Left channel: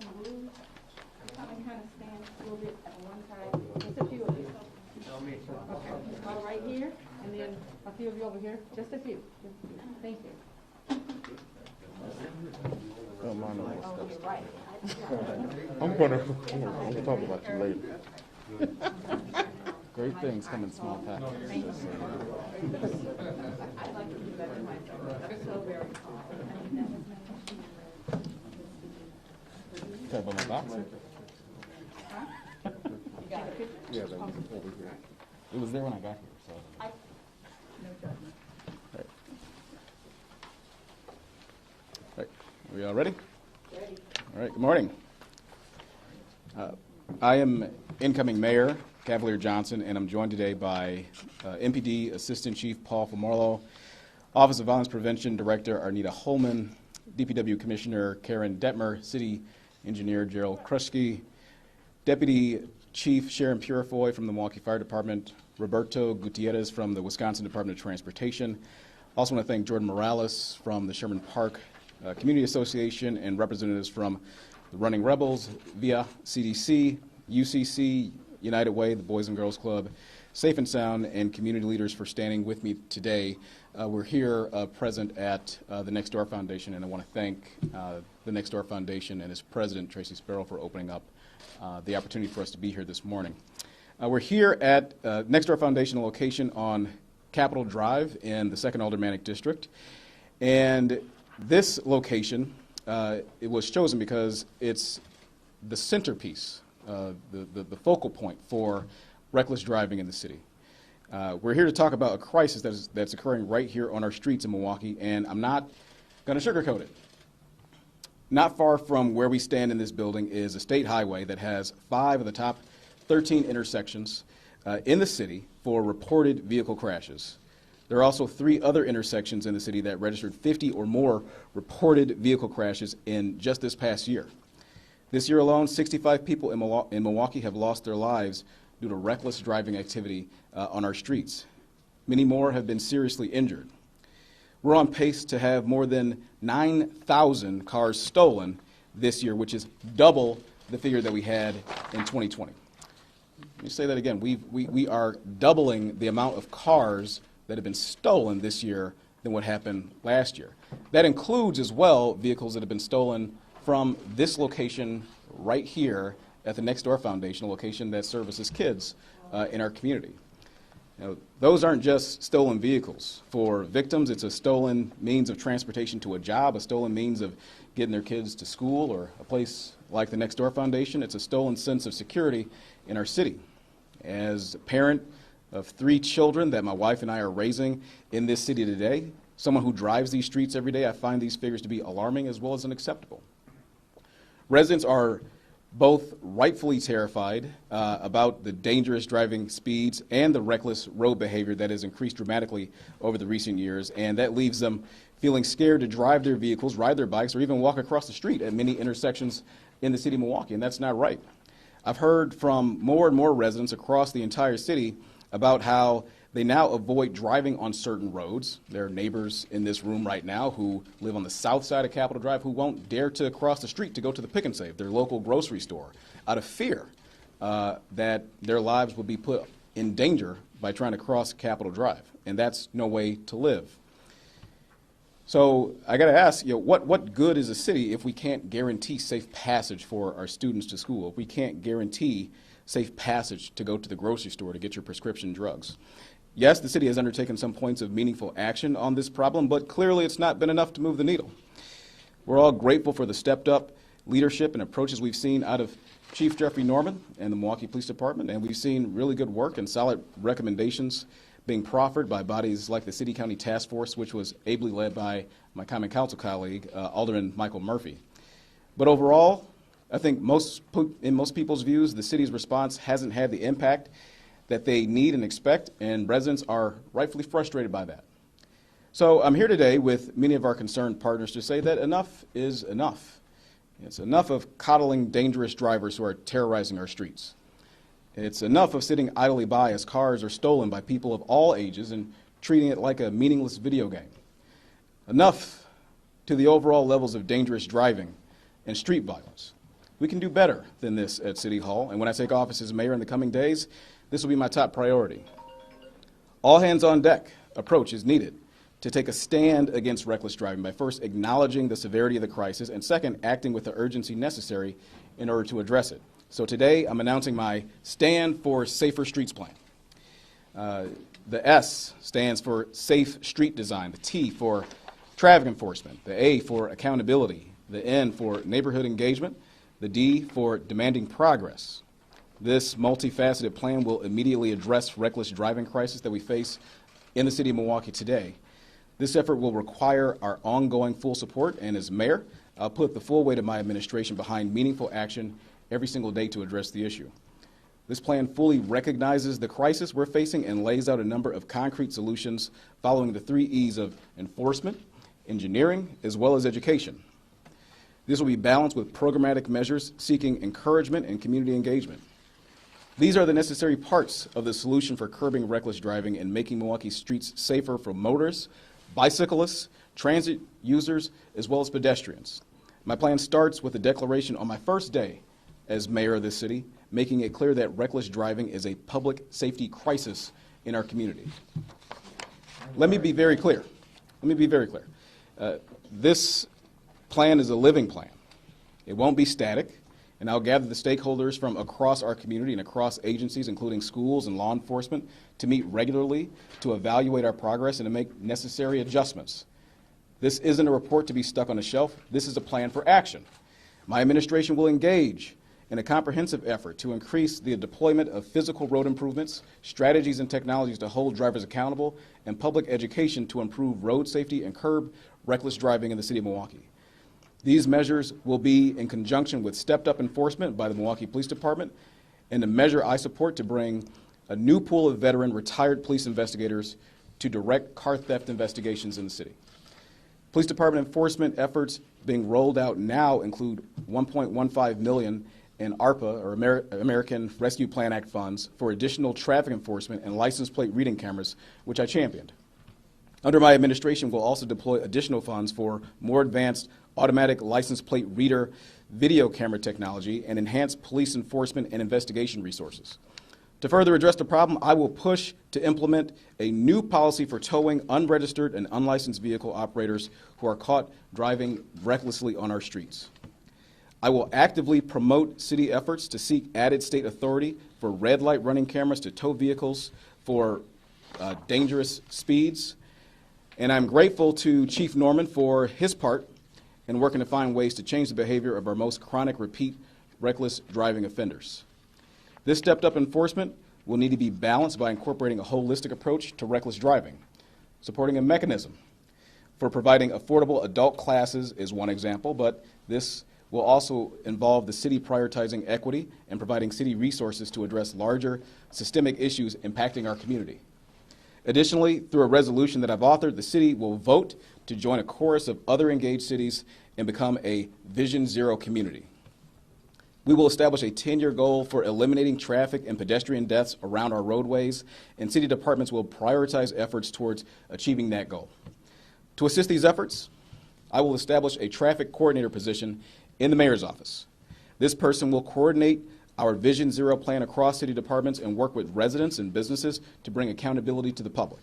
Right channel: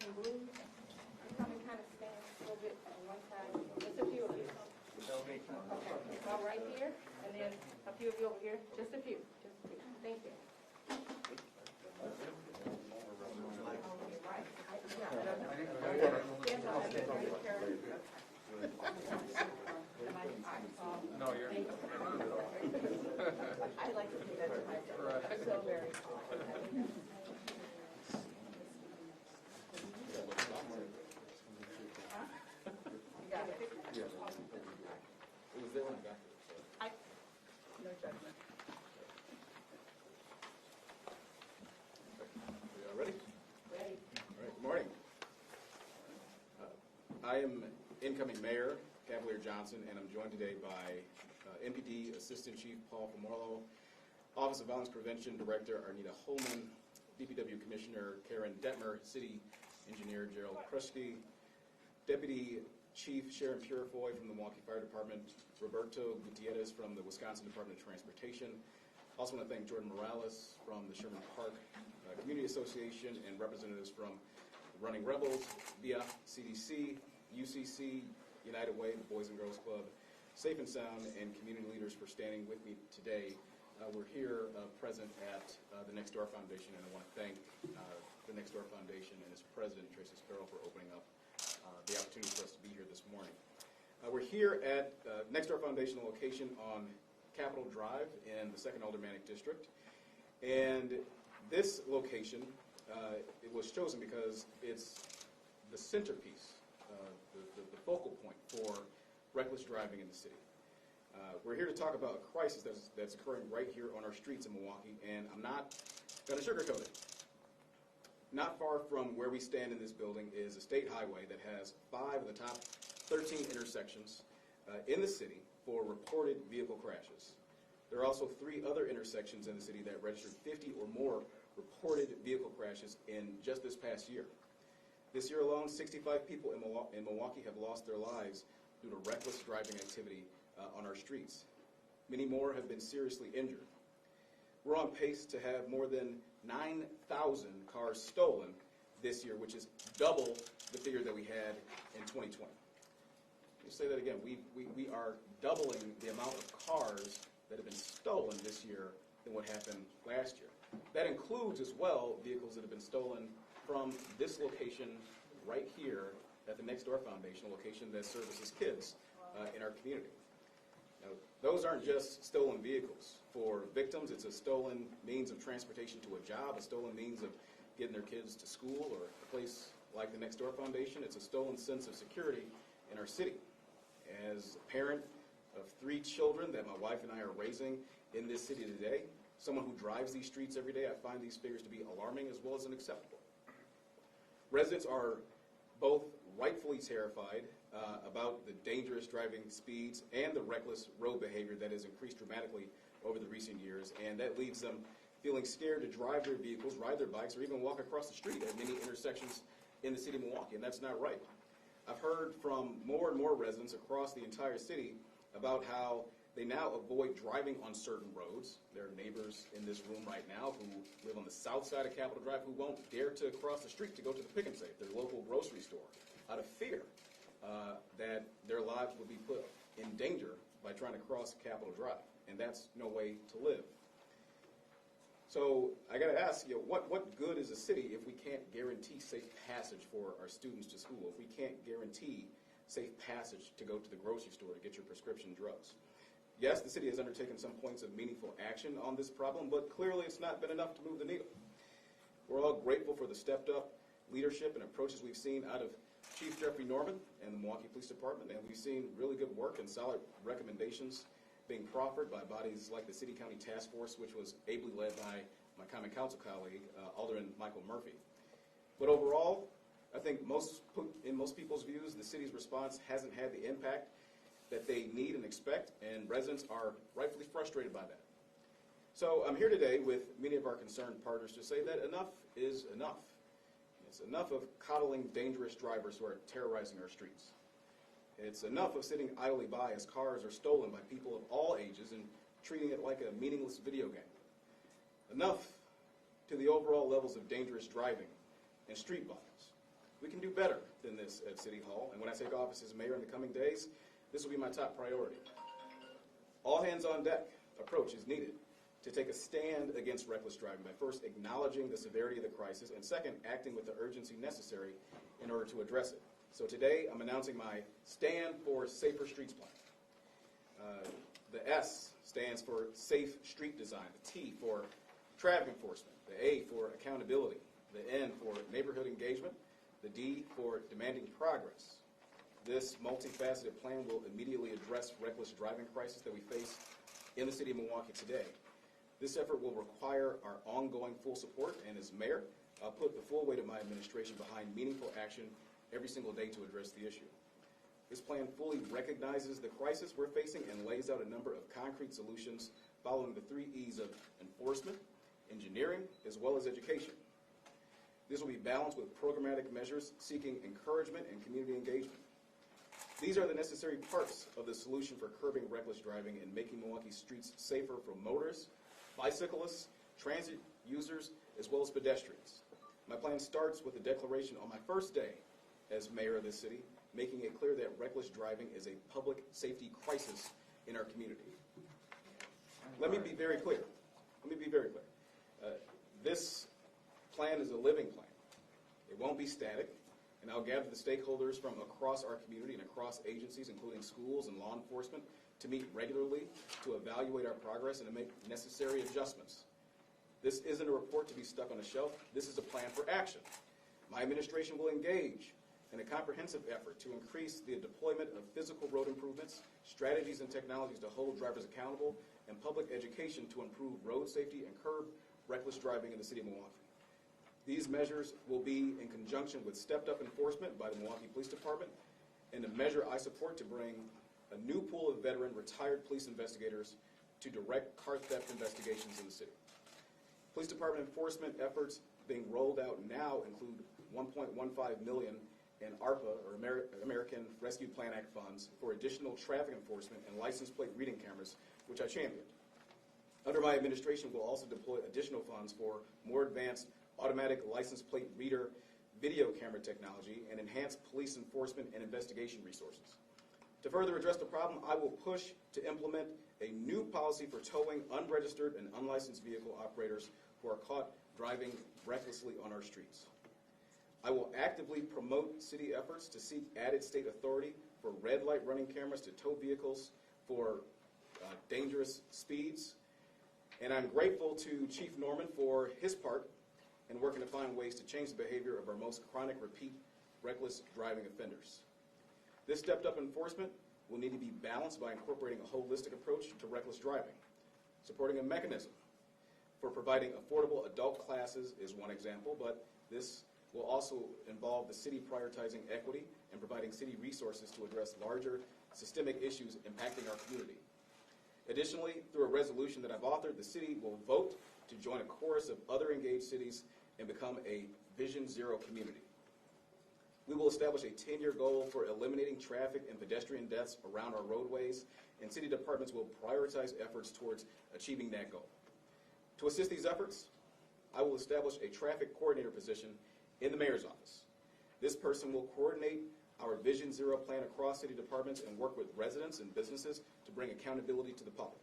Come and kind of stand a little bit at one side, just a few of you. Okay, all right here, and then a few of you over here, just a few. Thank you. Don't mind the Oh, you're right. I'm gonna talk about you later. Great things come in small packages. Thank you. I like to do that to myself. I'm so very confident. Talk about my box. Huh? You got it. Yeah, that was over here. It was there when I got here, so. No judgment. Right. We all ready? Ready. All right, good morning. I am incoming Mayor Cavalier Johnson, and I'm joined today by MPD Assistant Chief Paul Famorlo, Office of Violence Prevention Director Arnita Holman, DPW Commissioner Karen Detmer, City Engineer Gerald Kruschke, Deputy Chief Sharon Purifoy from the Milwaukee Fire Department, Roberto Gutierrez from the Wisconsin Department of Transportation. Also want to thank Jordan Morales from the Sherman Park Community Association and representatives from the Running Rebels, VIA, CDC, UCC, United Way, the Boys and Girls Club, Safe and Sound, and community leaders for standing with me today. We're here present at the Next Door Foundation, and I want to thank the Next Door Foundation and its president, Tracy Sparrow, for opening up the opportunity for us to be here this morning. We're here at Next Door Foundation location on Capitol Drive in the 2nd Aldermanic District, and this location, it was chosen because it's the centerpiece, the focal point for reckless driving in the city. We're here to talk about a crisis that's occurring right here on our streets in Milwaukee, and I'm not going to sugarcoat it. Not far from where we stand in this building is a state highway that has 5 of the top 13 intersections in the city for reported vehicle crashes. There are also 3 other intersections in the city that registered 50 or more reported vehicle crashes in just this past year. This year alone, 65 people in Milwaukee have lost their lives due to reckless driving activity on our streets. Many more have been seriously injured. We're on pace to have more than 9,000 cars stolen this year, which is double the figure that we had in 2020. Let me say that again. We are doubling the amount of cars that have been stolen this year than what happened last year. That includes as well vehicles that have been stolen from this location right here at the Next Door Foundation, a location that services kids in our community. Now, those aren't just stolen vehicles. For victims, it's a stolen means of transportation to a job, a stolen means of getting their kids to school, or a place like the Next Door Foundation. It's a stolen sense of security in our city. As a parent of 3 children that my wife and I are raising in this city today, someone who drives these streets every day, I find these figures to be alarming as well as unacceptable. Residents are both rightfully terrified about the dangerous driving speeds and the reckless road behavior that has increased dramatically over the recent years, and that leaves them feeling scared to drive their vehicles, ride their bikes, or even walk across the street at many intersections in the city of Milwaukee, and that's not right. I've heard from more and more residents across the entire city about how they now avoid driving on certain roads. There are neighbors in this room right now who live on the south side of Capitol Drive who won't dare to cross the street to go to the Pick and Save, their local grocery store, out of fear that their lives will be put in danger by trying to cross Capitol Drive. And that's no way to live. So I got to ask, what good is a city if we can't guarantee safe passage for our students to school, if we can't guarantee safe passage to go to the grocery store to get your prescription drugs? Yes, the city has undertaken some points of meaningful action on this problem, but clearly it's not been enough to move the needle. We're all grateful for the stepped-up leadership and approaches we've seen out of Chief Jeffrey Norman and the Milwaukee Police Department, and we've seen really good work and solid recommendations being proffered by bodies like the City County Task Force, which was ably led by my Common Council colleague, Alderman Michael Murphy. But overall, I think in most people's views, the city's response hasn't had the impact that they need and expect, and residents are rightfully frustrated by that. So I'm here today with many of our concerned partners to say that enough is enough. It's enough of coddling dangerous drivers who are terrorizing our streets. It's enough of sitting idly by as cars are stolen by people of all ages and treating it like a meaningless video game. Enough to the overall levels of dangerous driving and street violence. We can do better than this at City Hall, and when I take office as mayor in the coming days, this will be my top priority. All hands on deck approach is needed to take a stand against reckless driving by first acknowledging the severity of the crisis and second, acting with the urgency necessary in order to address it. So today, I'm announcing my Stand for Safer Streets plan. The S stands for safe street design, the T for traffic enforcement, the A for accountability, the N for neighborhood engagement, the D for demanding progress. This multifaceted plan will immediately address reckless driving crisis that we face in the city of Milwaukee today. This effort will require our ongoing full support, and as mayor, I'll put the full weight of my administration behind meaningful action every single day to address the issue. This plan fully recognizes the crisis we're facing and lays out a number of concrete solutions following the 3 E's of enforcement, engineering, as well as education. This will be balanced with programmatic measures seeking encouragement and community engagement. These are the necessary parts of the solution for curbing reckless driving and making Milwaukee streets safer for motorists, bicyclists, transit users, as well as pedestrians. My plan starts with a declaration on my first day as mayor of this city, making it clear that reckless driving is a public safety crisis in our community. Let me be very clear. This plan is a living plan. It won't be static, and I'll gather the stakeholders from across our community and across agencies, including schools and law enforcement, to meet regularly to evaluate our progress and to make necessary adjustments. This isn't a report to be stuck on a shelf. This is a plan for action. My administration will engage in a comprehensive effort to increase the deployment of physical road improvements, strategies and technologies to hold drivers accountable, and public education to improve road safety and curb reckless driving in the city of Milwaukee. These measures will be in conjunction with stepped-up enforcement by the Milwaukee Police Department and a measure I support to bring a new pool of veteran retired police investigators to direct car theft investigations in the city. Police Department enforcement efforts being rolled out now include $1.15 million in ARPA, or American Rescue Plan Act funds, for additional traffic enforcement and license plate reading cameras, which I championed. Under my administration, we'll also deploy additional funds for more advanced automatic license plate reader video camera technology and enhanced police enforcement and investigation resources. To further address the problem, I will push to implement a new policy for towing unregistered and unlicensed vehicle operators who are caught driving recklessly on our streets. I will actively promote city efforts to seek added state authority for red light running cameras to tow vehicles for dangerous speeds. And I'm grateful to Chief Norman for his part in working to find ways to change the behavior of our most chronic, repeat, reckless driving offenders. This stepped-up enforcement will need to be balanced by incorporating a holistic approach to reckless driving. Supporting a mechanism for providing affordable adult classes is one example, but this will also involve the city prioritizing equity and providing city resources to address larger systemic issues impacting our community. Additionally, through a resolution that I've authored, the city will vote to join a chorus of other engaged cities and become a Vision Zero community. We will establish a 10-year goal for eliminating traffic and pedestrian deaths around our roadways, and city departments will prioritize efforts towards achieving that goal. To assist these efforts, I will establish a traffic coordinator position in the mayor's office. This person will coordinate our Vision Zero plan across city departments and work with residents and businesses to bring accountability to the public.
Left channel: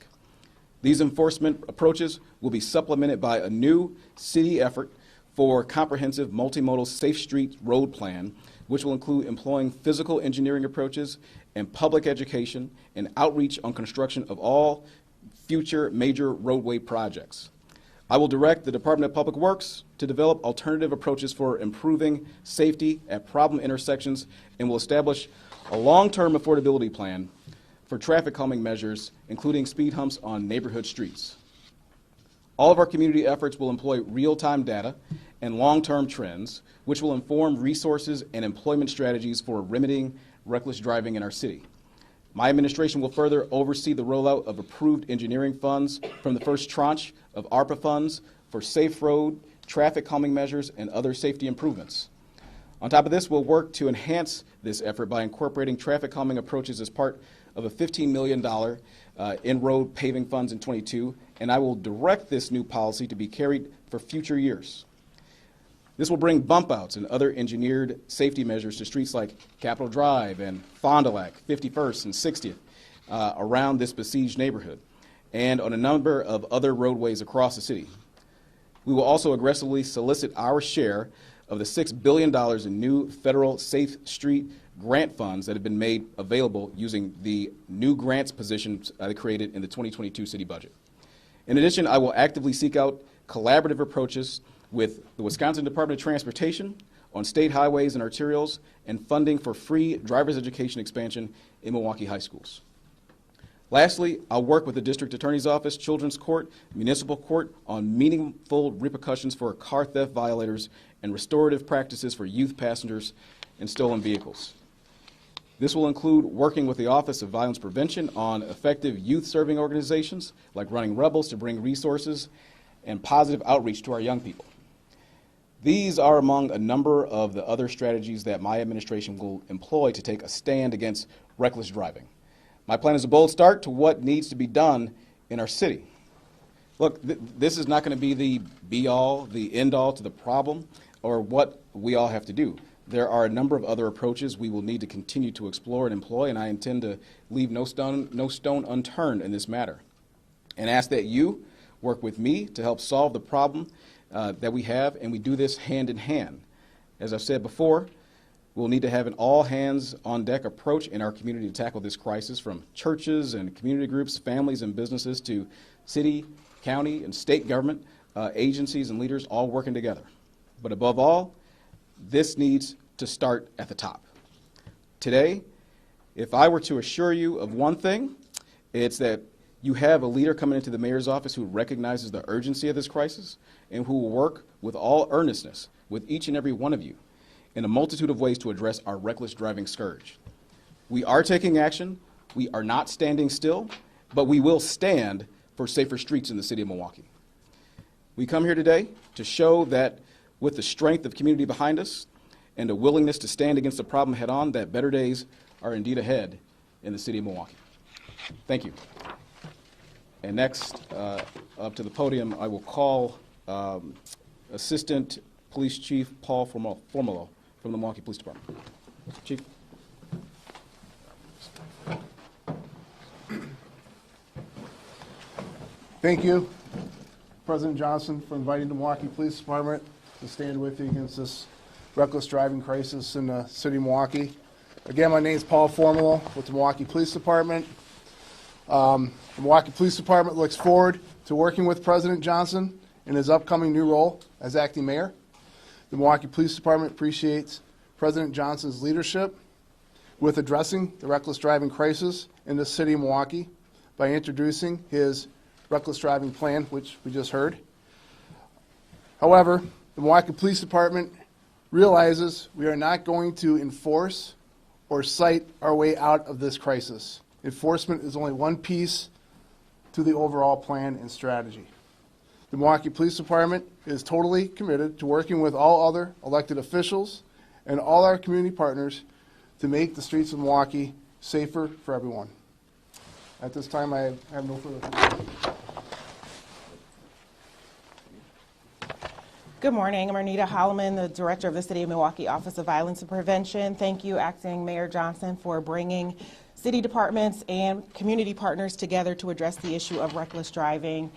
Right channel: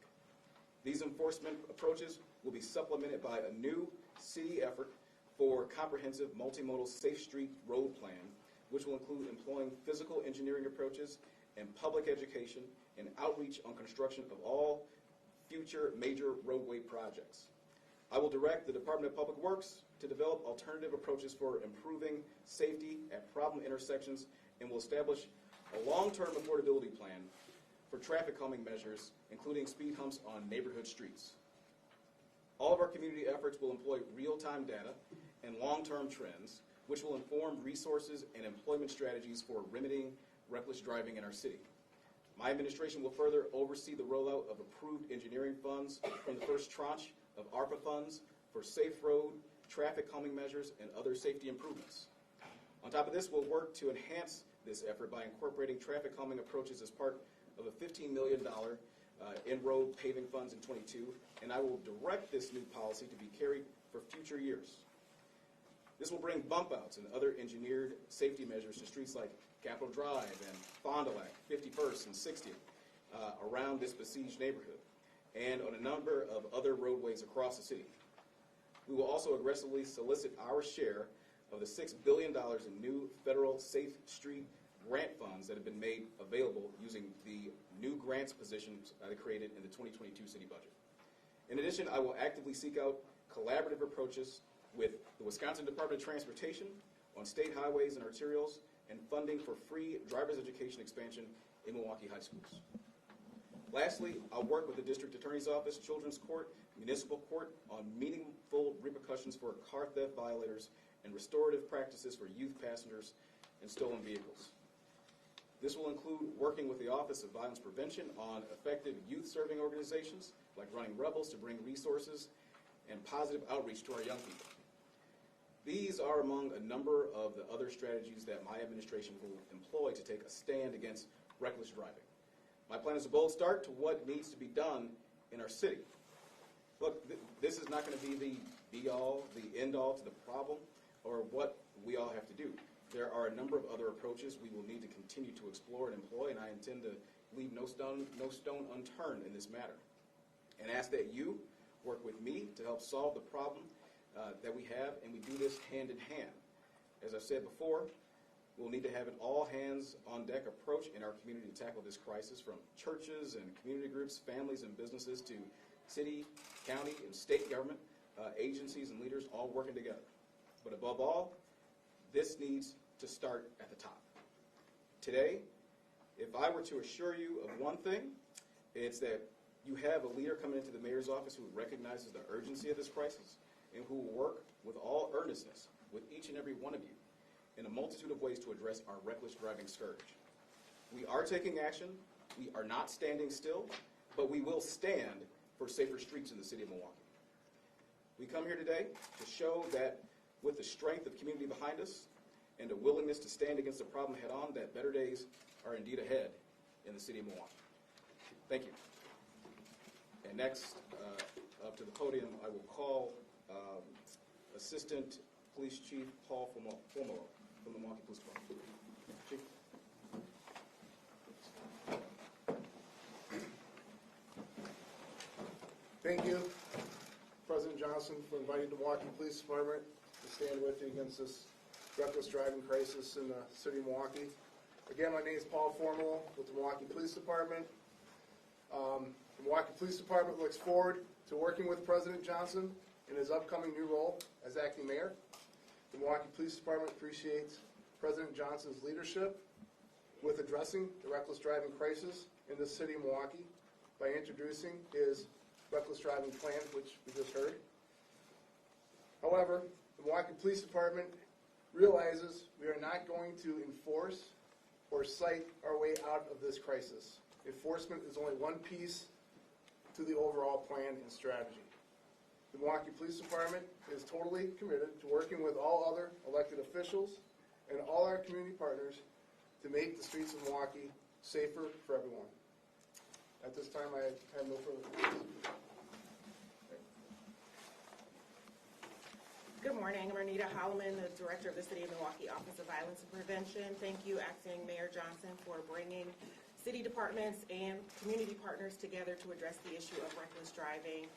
These enforcement approaches will be supplemented by a new city effort for comprehensive multimodal safe street road plan, which will include employing physical engineering approaches and public education and outreach on construction of all future major roadway projects. I will direct the Department of Public Works to develop alternative approaches for improving safety at problem intersections and will establish a long-term affordability plan for traffic calming measures, including speed humps on neighborhood streets. All of our community efforts will employ real-time data and long-term trends, which will inform resources and employment strategies for remedying reckless driving in our city. My administration will further oversee the rollout of approved engineering funds from the first tranche of ARPA funds for safe road, traffic calming measures, and other safety improvements. On top of this, we'll work to enhance this effort by incorporating traffic calming approaches as part of a $15 million in-road paving funds in 22, and I will direct this new policy to be carried for future years. This will bring bump outs and other engineered safety measures to streets like Capitol Drive and Fond du Lac, 51st and 60th, around this besieged neighborhood, and on a number of other roadways across the city. We will also aggressively solicit our share of the $6 billion in new federal Safe Street grant funds that have been made available using the new grants positions created in the 2022 city budget. In addition, I will actively seek out collaborative approaches with the Wisconsin Department of Transportation on state highways and arterials and funding for free driver's education expansion in Milwaukee high schools. Lastly, I'll work with the District Attorney's Office, Children's Court, Municipal Court on meaningful repercussions for car theft violators and restorative practices for youth passengers in stolen vehicles. This will include working with the Office of Violence Prevention on effective youth-serving organizations like Running Rebels to bring resources and positive outreach to our young people. These are among a number of the other strategies that my administration will employ to take a stand against reckless driving. My plan is a bold start to what needs to be done in our city. Look, this is not going to be the be-all, the end-all to the problem or what we all have to do. There are a number of other approaches we will need to continue to explore and employ, and I intend to leave no stone unturned in this matter, and ask that you work with me to help solve the problem that we have, and we do this hand in hand. As I've said before, we'll need to have an all-hands-on-deck approach in our community to tackle this crisis, from churches and community groups, families and businesses, to city, county, and state government agencies and leaders all working together. But above all, this needs to start at the top. Today, if I were to assure you of one thing, it's that you have a leader coming into the mayor's office who recognizes the urgency of this crisis and who will work with all earnestness with each and every one of you in a multitude of ways to address our reckless driving scourge. We are taking action. We are not standing still, but we will stand for safer streets in the city of Milwaukee. We come here today to show that with the strength of community behind us and a willingness to stand against the problem head on, that better days are indeed ahead in the city of Milwaukee. Thank you. And next, up to the podium, I will call Assistant Police Chief Paul Formolo from the Milwaukee Police Department. Chief. Thank you, President Johnson, for inviting the Milwaukee Police Department to stand with you against this reckless driving crisis in the city of Milwaukee. Again, my name is Paul Formolo with the Milwaukee Police Department. The Milwaukee Police Department looks forward to working with President Johnson in his upcoming new role as acting mayor. The Milwaukee Police Department appreciates President Johnson's leadership with addressing the reckless driving crisis in the city of Milwaukee by introducing his reckless driving plan, which we just heard. However, the Milwaukee Police Department realizes we are not going to enforce or cite our way out of this crisis. Enforcement is only one piece to the overall plan and strategy. The Milwaukee Police Department is totally committed to working with all other elected officials and all our community partners to make the streets of Milwaukee safer for everyone. At this time, I have no further questions. Good morning. I'm Arnita Holloman, the Director of the City of Milwaukee Office of Violence and Prevention. Thank you, Acting Mayor Johnson, for bringing city departments and community partners together to address the issue of reckless driving.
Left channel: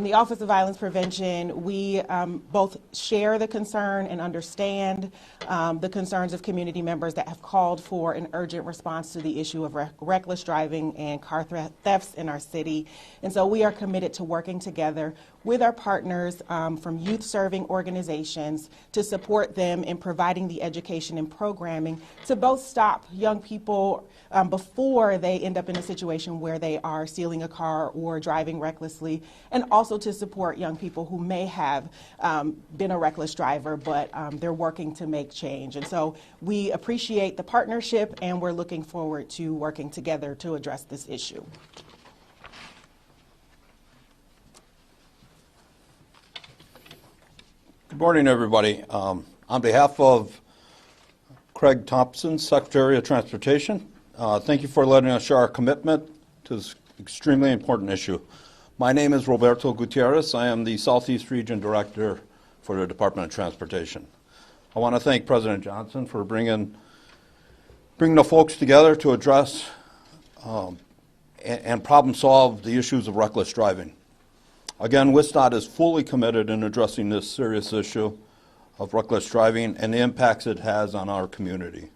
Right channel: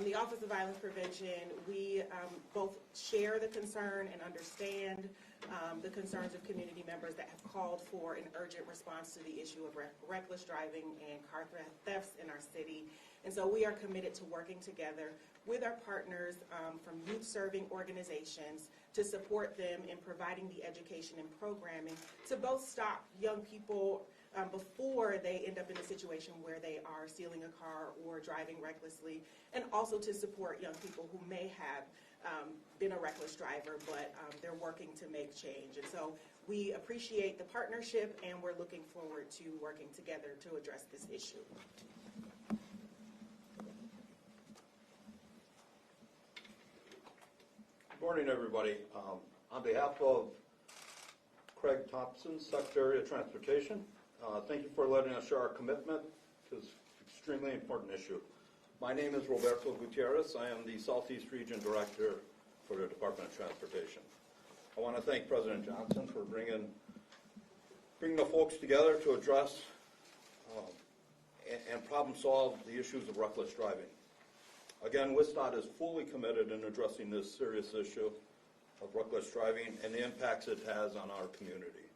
The Office of Violence Prevention, we both share the concern and understand the concerns of community members that have called for an urgent response to the issue of reckless driving and car thefts in our city. And so we are committed to working together with our partners from youth-serving organizations to support them in providing the education and programming to both stop young people before they end up in a situation where they are stealing a car or driving recklessly, and also to support young people who may have been a reckless driver, but they're working to make change. And so we appreciate the partnership, and we're looking forward to working together to address this issue. Good morning, everybody. On behalf of Craig Thompson, Secretary of Transportation, thank you for letting us share our commitment to this extremely important issue. My name is Roberto Gutierrez. I am the Southeast Region Director for the Department of Transportation. I want to thank President Johnson for bringing the folks together to address and problem solve the issues of reckless driving. Again, WSDOT is fully committed in addressing this serious issue of reckless driving and the impacts it has on our community.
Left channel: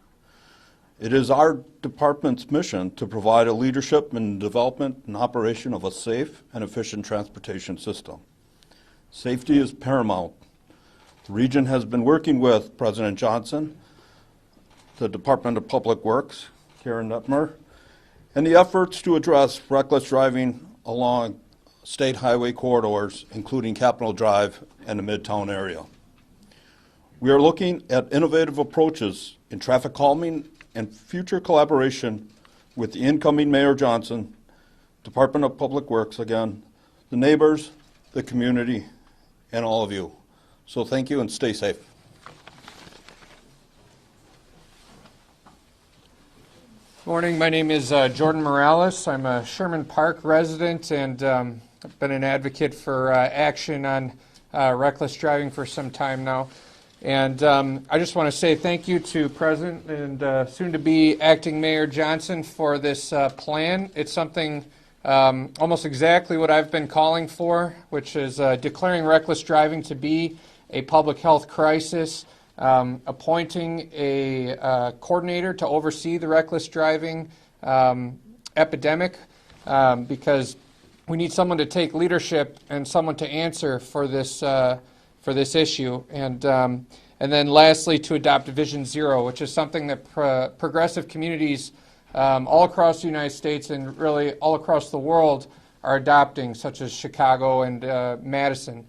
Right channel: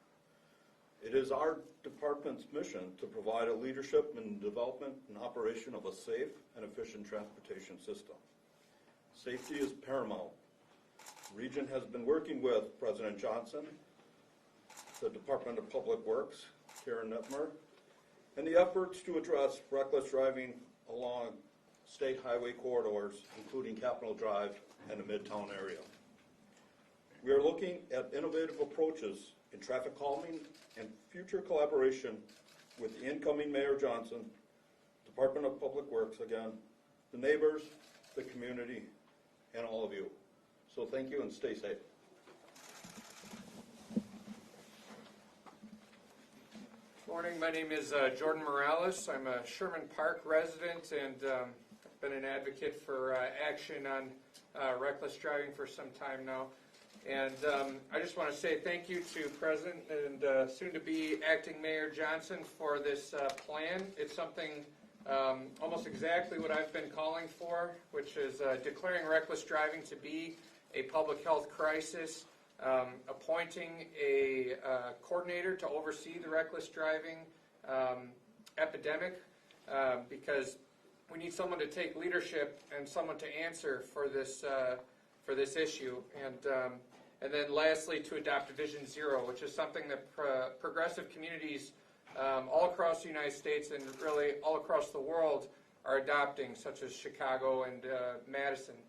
It is our department's mission to provide a leadership in development and operation of a safe and efficient transportation system. Safety is paramount. The region has been working with President Johnson, the Department of Public Works, Karen Netmer, and the efforts to address reckless driving along state highway corridors, including Capitol Drive and the Midtown area. We are looking at innovative approaches in traffic calming and future collaboration with the incoming Mayor Johnson, Department of Public Works, again, the neighbors, the community, and all of you. So thank you and stay safe. Morning, my name is Jordan Morales. I'm a Sherman Park resident and I've been an advocate for action on reckless driving for some time now. And I just want to say thank you to President and soon-to-be Acting Mayor Johnson for this plan. It's something almost exactly what I've been calling for, which is declaring reckless driving to be a public health crisis, appointing a coordinator to oversee the reckless driving epidemic, because we need someone to take leadership and someone to answer for this issue. And then lastly, to adopt Vision Zero, which is something that progressive communities all across the United States and really all across the world are adopting, such as Chicago and Madison.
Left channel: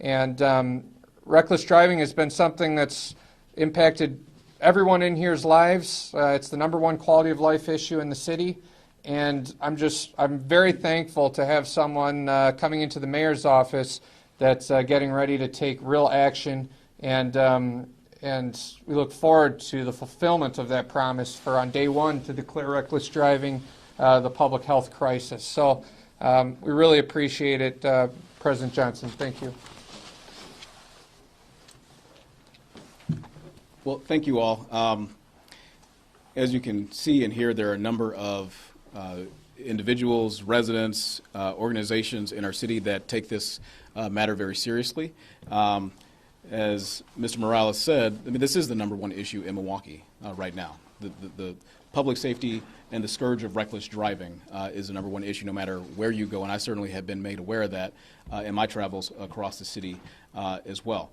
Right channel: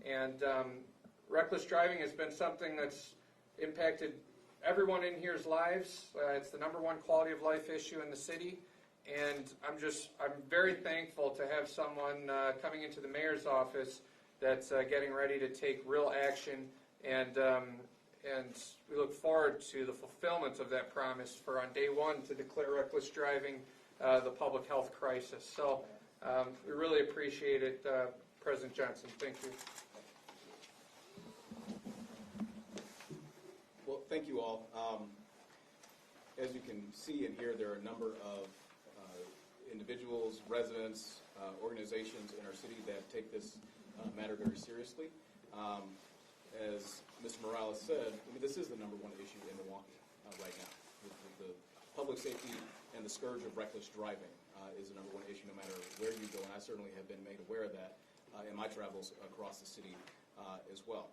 And reckless driving has been something that's impacted everyone in here's lives. It's the #1 quality of life issue in the city. And I'm very thankful to have someone coming into the mayor's office that's getting ready to take real action, and we look forward to the fulfillment of that promise for on day one to declare reckless driving the public health crisis. So we really appreciate it, President Johnson. Thank you. Well, thank you all. As you can see and hear, there are a number of individuals, residents, organizations in our city that take this matter very seriously. As Mr. Morales said, I mean, this is the #1 issue in Milwaukee right now. The public safety and the scourge of reckless driving is the #1 issue no matter where you go, and I certainly have been made aware of that in my travels across the city as well.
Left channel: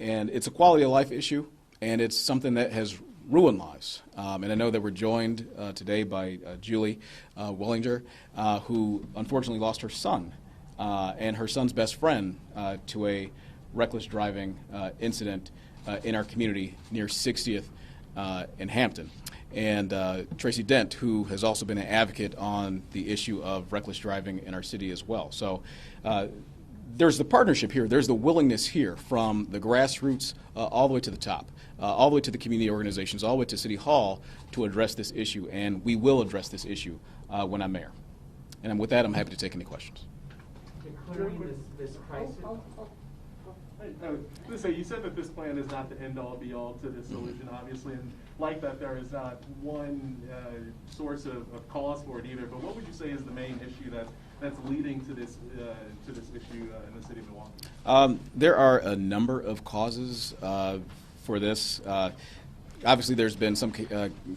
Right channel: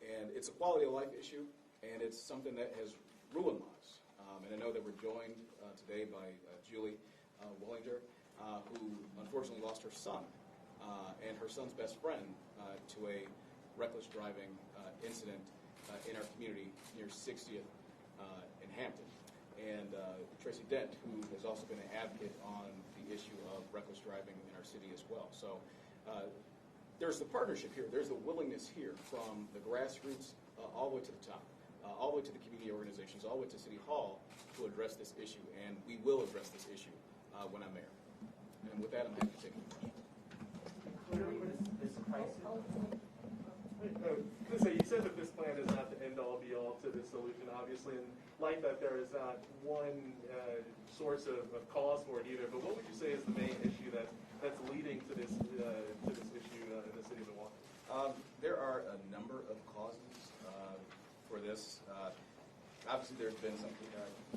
And it's a quality of life issue, and it's something that has ruined lives. And I know that we're joined today by Julie Wellinger, who unfortunately lost her son and her son's best friend to a reckless driving incident in our community near 60th in Hampton. And Tracy Dent, who has also been an advocate on the issue of reckless driving in our city as well. So there's the partnership here, there's the willingness here from the grassroots all the way to the top, all the way to the community organizations, all the way to City Hall to address this issue, and we will address this issue when I'm mayor. And with that, I'm happy to take any questions. Declaring this crisis. You said that this plan is not the end-all, be-all to this solution, obviously, and like that there is not one source of cause for it either, but what would you say is the main issue that's leading to this issue in the city of Milwaukee? There are a number of causes for this. Obviously, there's been some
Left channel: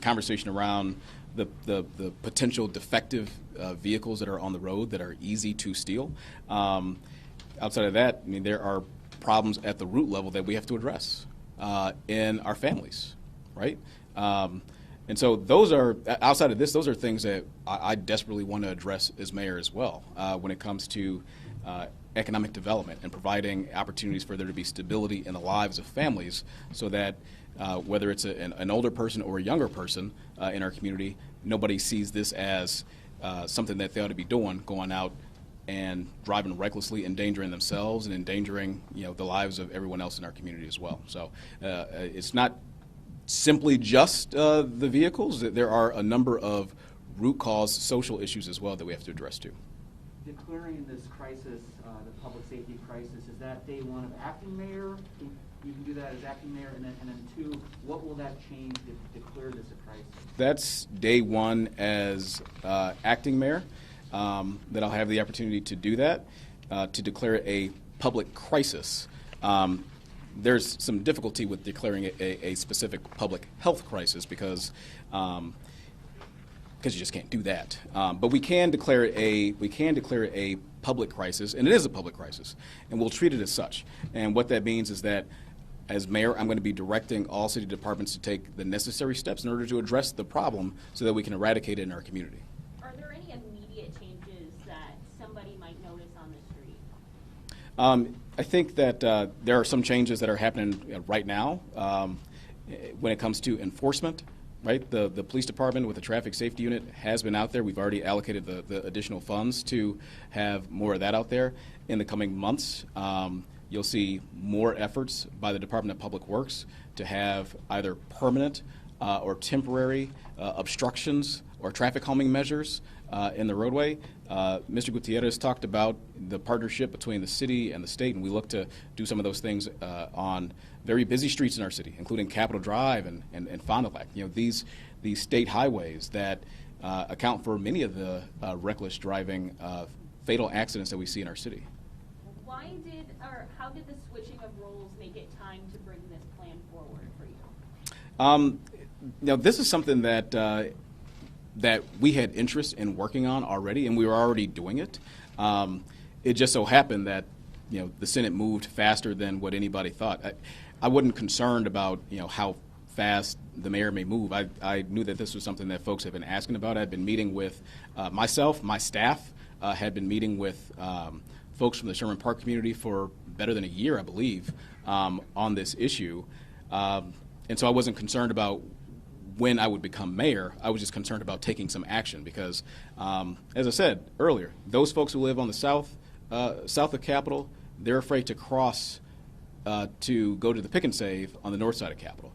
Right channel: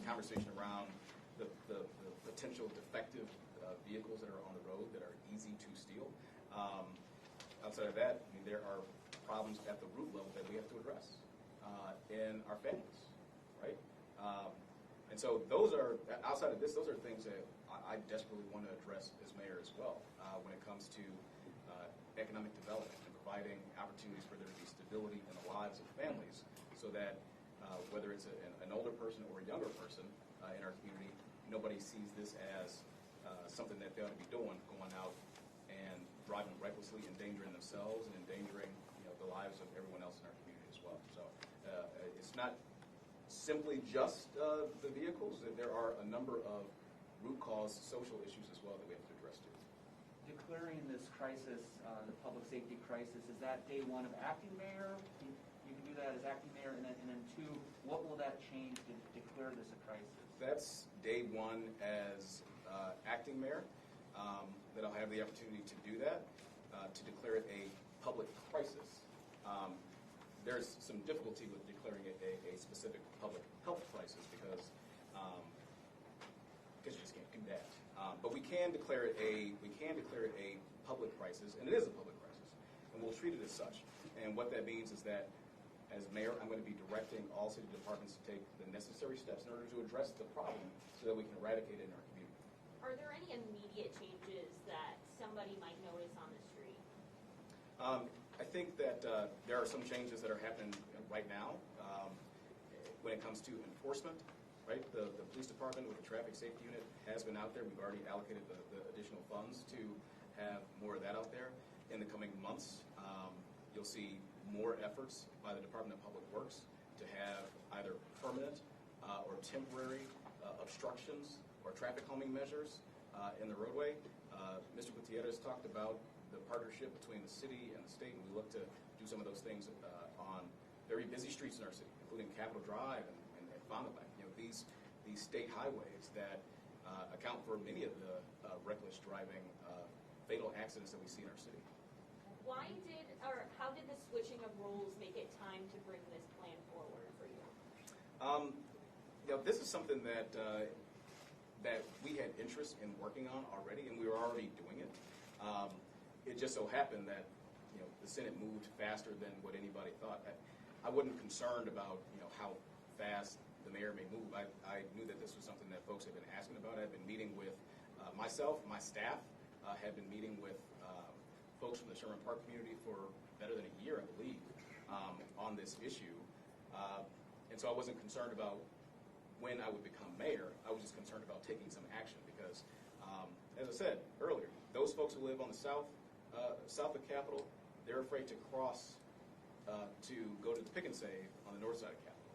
conversation around the potential defective vehicles that are on the road that are easy to steal. Outside of that, I mean, there are problems at the root level that we have to address in our families, right? And so those are, outside of this, those are things that I desperately want to address as mayor as well when it comes to economic development and providing opportunities for there to be stability in the lives of families so that whether it's an older person or a younger person in our community, nobody sees this as something that they ought to be doing, going out and driving recklessly, endangering themselves and endangering, the lives of everyone else in our community as well. So it's not simply just the vehicles. There are a number of root cause social issues as well that we have to address too. Declaring this crisis, the public safety crisis, is that day one of acting mayor you can do that as acting mayor, and then two, what will that change to declare this a crisis? That's day one as acting mayor, that I'll have the opportunity to do that, to declare a public crisis. There's some difficulty with declaring a specific public health crisis because you just can't do that. But we can declare a public crisis, and it is a public crisis, and we'll treat it as such. And what that means is that as mayor, I'm going to be directing all city departments to take the necessary steps in order to address the problem so that we can eradicate it in our community. Are there any immediate changes that somebody might notice on the street? I think that there are some changes that are happening right now when it comes to enforcement. Right, the police department with the traffic safety unit has been out there. We've already allocated the additional funds to have more of that out there. In the coming months, you'll see more efforts by the Department of Public Works to have either permanent or temporary obstructions or traffic calming measures in the roadway. Mr. Gutierrez talked about the partnership between the city and the state, and we look to do some of those things on very busy streets in our city, including Capitol Drive and Fond du Lac. You know, these state highways that account for many of the reckless driving fatal accidents that we see in our city. How did the switching of roles make it time to bring this plan forward for you? Now, this is something that that we had interest in working on already, and we were already doing it. It just so happened that the Senate moved faster than what anybody thought. I wasn't concerned about how fast the mayor may move. I knew that this was something that folks have been asking about. I've been meeting with myself, my staff had been meeting with folks from the Sherman Park community for better than a year, I believe, on this issue. And so I wasn't concerned about when I would become mayor. I was just concerned about taking some action because, as I said earlier, those folks who live on the south of Capitol, they're afraid to cross to go to the Pick and Save on the north side of Capitol.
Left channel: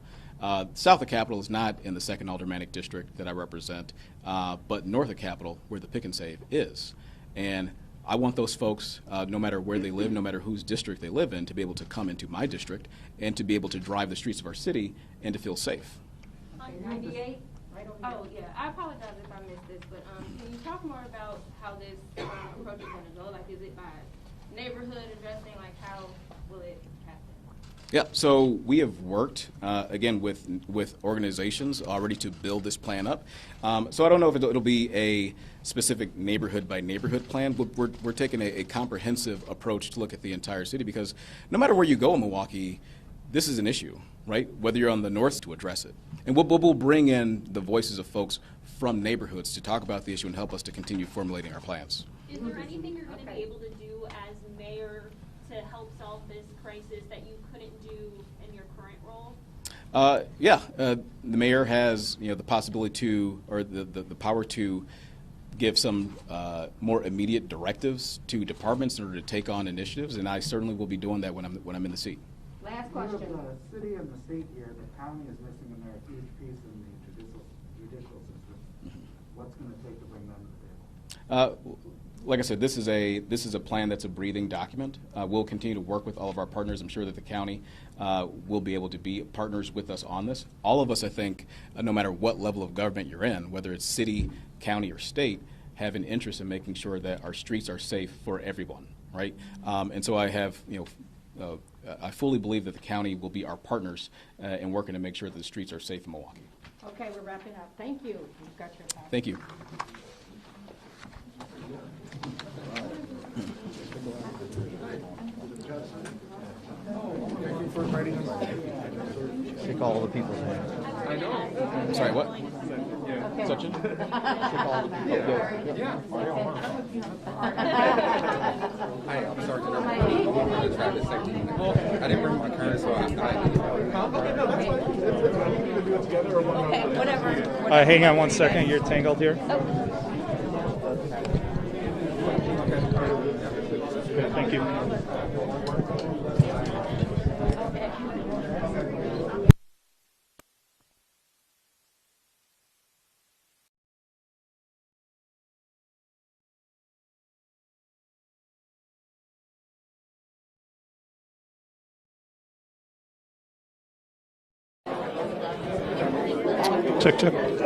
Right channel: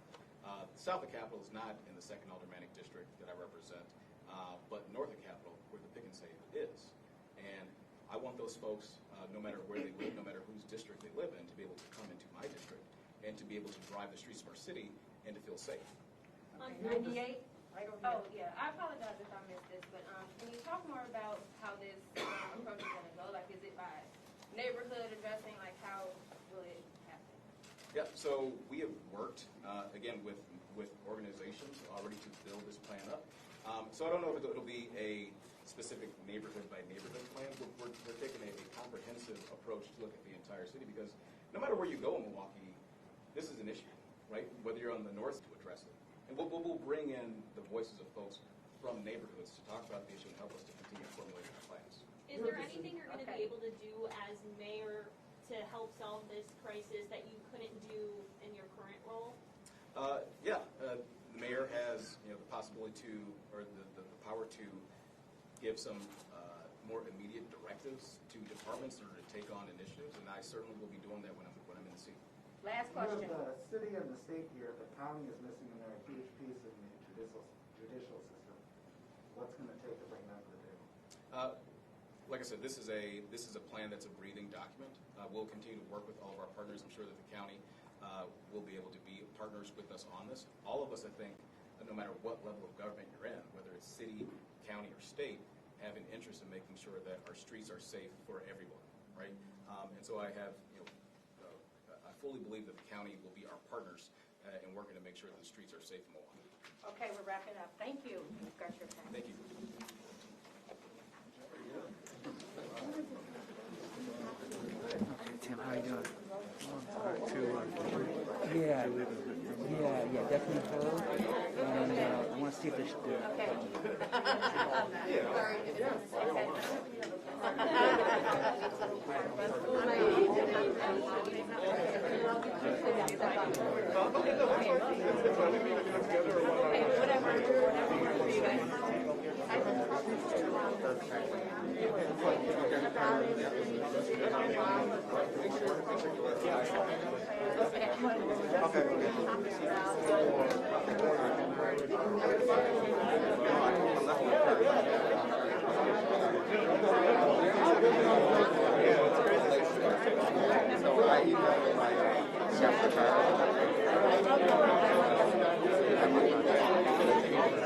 South of Capitol is not in the 2nd Aldermanic District that I represent, but north of Capitol, where the Pick and Save is. And I want those folks, no matter where they live, no matter whose district they live in, to be able to come into my district and to be able to drive the streets of our city and to feel safe. 98? Oh, yeah. I apologize if I missed this, but can you talk more about how this approach is going to go? Like, is it by neighborhood addressing? Like, how will it happen? Yeah, so we have worked, again, with organizations already to build this plan up. So I don't know if it'll be a specific neighborhood by neighborhood plan. We're taking a comprehensive approach to look at the entire city because no matter where you go in Milwaukee, this is an issue, right? Whether you're on the north to address it. And we'll bring in the voices of folks from neighborhoods to talk about the issue and help us to continue formulating our plans. Is there anything you're going to be able to do as mayor to help solve this crisis that you couldn't do in your current role? The mayor has the possibility to, or the power to give some more immediate directives to departments in order to take on initiatives, and I certainly will be doing that when I'm in the seat. Last question. The city and the state here, the county is missing in there a huge piece in the judicial system. What's going to take to bring them to the table? Like I said, this is a plan that's a breathing document. We'll continue to work with all of our partners. I'm sure that the county will be able to be partners with us on this. All of us, I think, no matter what level of government you're in, whether it's city, county, or state, have an interest in making sure that our streets are safe for everyone, right? And so I have, I fully believe that the county will be our partners in working to make sure that the streets are safe in Milwaukee. Okay, we're wrapping up. Thank you. You've got your time. Thank you. Take all the people's names. Sorry, what? Okay. Sachin? I didn't bring my card, so Okay, whatever. hang on 1 second. You're tangled here. Okay, thank you. So I emailed my chef the car. Check, check.